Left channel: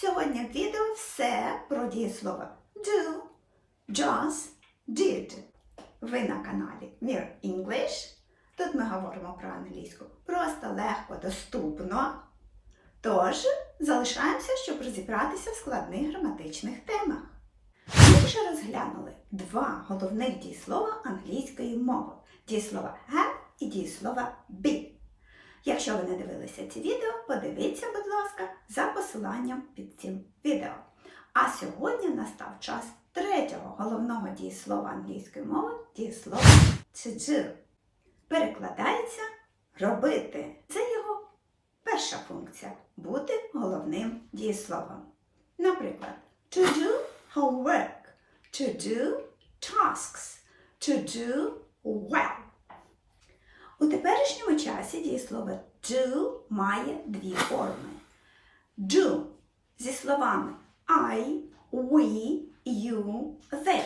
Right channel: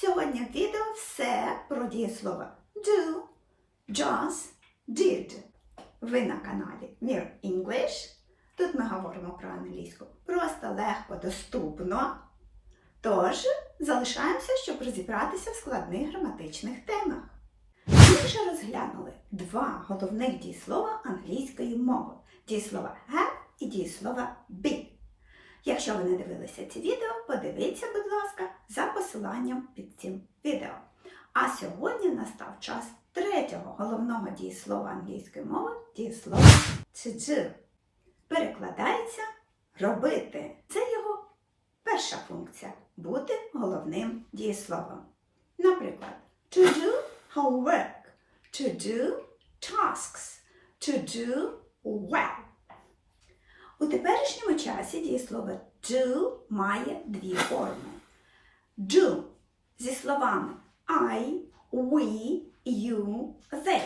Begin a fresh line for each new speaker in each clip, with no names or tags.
Сьогодні в відео все про дієслово do, just, did. Ви на каналі Mir English. Тут ми говоримо про англійську просто, легко, доступно. Тож залишаємося, щоб розібратися в складних граматичних темах. Ми вже розглянули два головних дієслова англійської мови: дієслова have і дієслова be. Якщо ви не дивилися ці відео, подивіться, будь ласка, за посиланням під цим відео. А сьогодні настав час третього головного дієслова англійської мови дієслова do. Перекладається робити. Це його перша функція бути головним дієсловом. Наприклад, to do homework, to do tasks, to do well. У теперішньому часі дієслово do має дві форми. Do зі словами I, we, you, they.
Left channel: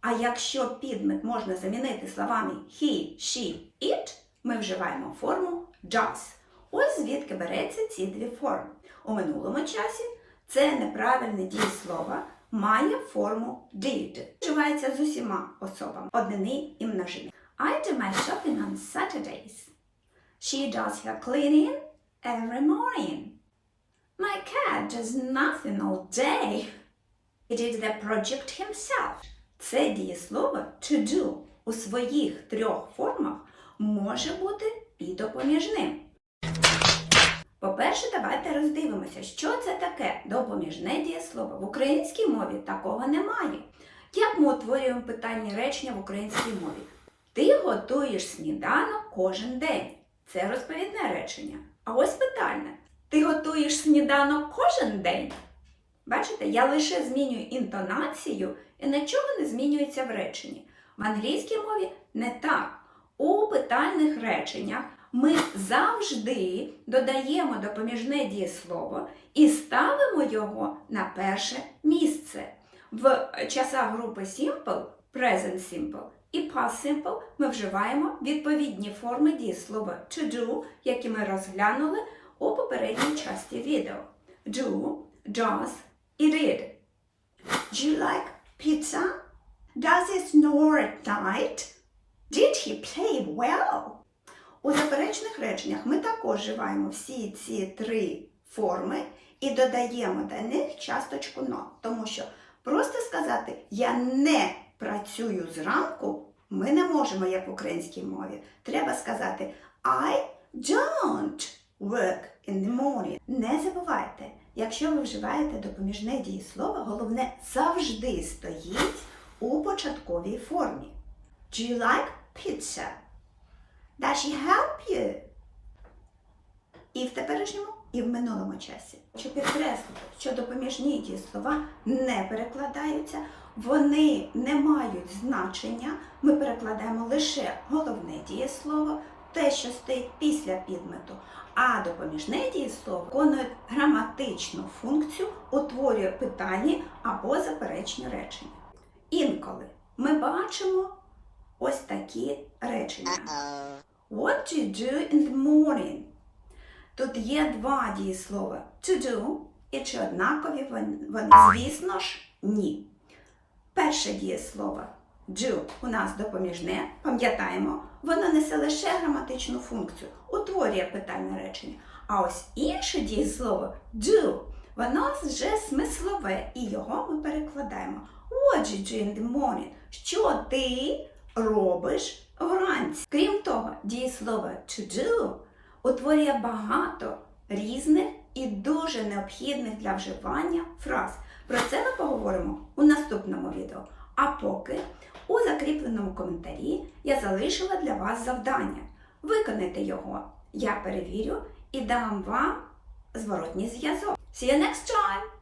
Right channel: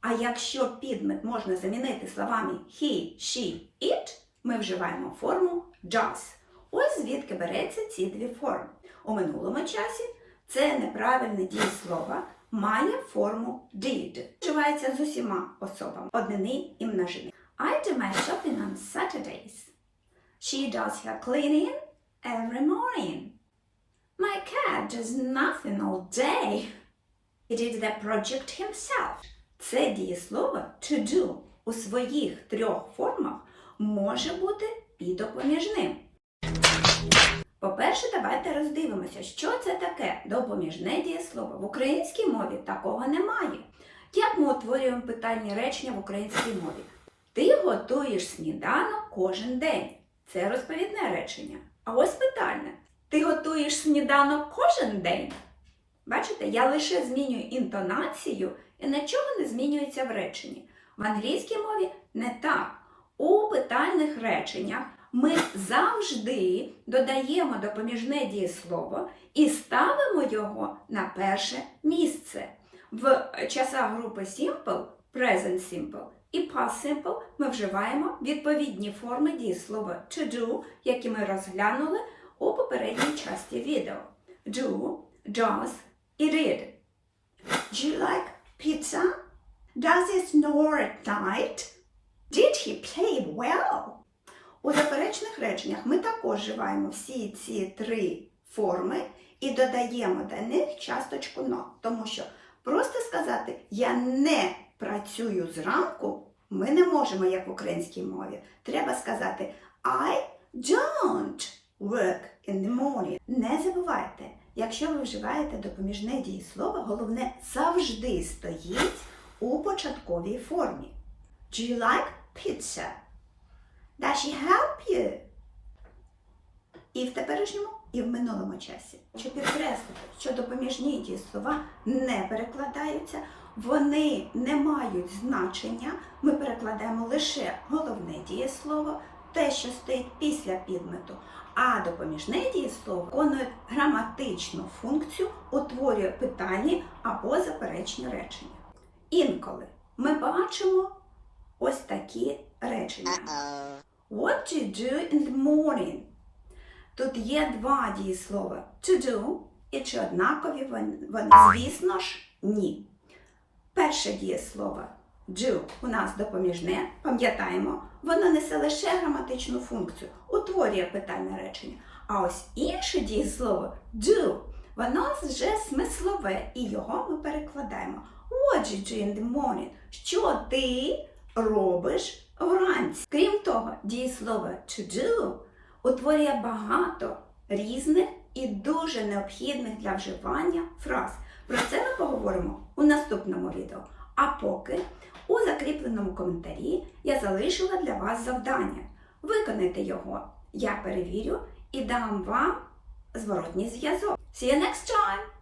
А якщо підмет можна замінити словами he, she, it, ми вживаємо форму does. Ось звідки береться ці дві форми. У минулому часі це неправильне дієслово має форму did. Вживається з усіма особами однини і множини. I do my shopping on Saturdays. She does her cleaning every morning. My cat does nothing all day. He did the project himself. Це дієслово to do у своїх трьох формах може бути і допоміжним. По-перше, давайте роздивимося, що це таке допоміжне дієслово. В українській мові такого немає. Як ми утворюємо питальні речення в українській мові? Ти готуєш сніданок кожен день. Це розповідне речення. А ось питальне. Ти готуєш сніданок кожен день? Бачите, я лише змінюю інтонацію і нічого не змінюється в реченні. В англійській мові не так. У питальних реченнях ми завжди додаємо допоміжне дієслово і ставимо його на перше місце. В часах групи Simple, Present Simple і Past Simple ми вживаємо відповідні форми дієслова to do, які ми розглянули у попередній часті відео. Do, does і did. Do you like pizza? Does it snore at night? Did he play well? У заперечних реченнях ми також вживаємо всі ці три форми і додаємо до них часточку not. Тому що просто сказати я не працюю зранку ми не можемо, як в українській мові. Треба сказати I don't work in the morning. Не забувайте, якщо ви вживаєте допоміжне дієслово, головне завжди стоїть у початковій формі. Do you like pizza? Does she help you? І в теперішньому, і в минулому часі. Щоб підкреслити, що допоміжні дієслова не перекладаються, вони не мають значення. Ми перекладаємо лише головне дієслово, те, що стоїть після підмету. А допоміжне дієслово виконує граматичну функцію, утворює питальні або заперечні речення. Інколи ми бачимо ось такі речення. What do you do in the morning? Тут є два дієслова to do і чи однакові вони. вони? Звісно ж, ні. Перше дієслово do у нас допоміжне, пам'ятаємо, воно несе лише граматичну функцію, утворює питальне речення. А ось інше дієслово do, воно вже смислове, і його ми перекладаємо. What do you in the morning? Що ти робиш вранці? Крім того, дієслово to do утворює багато різних і дуже необхідних для вживання фраз. Про це ми поговоримо у наступному відео. А поки у закріпленому коментарі я залишила для вас завдання. Виконайте його. Я перевірю і дам вам зворотній зв'язок. See you next time!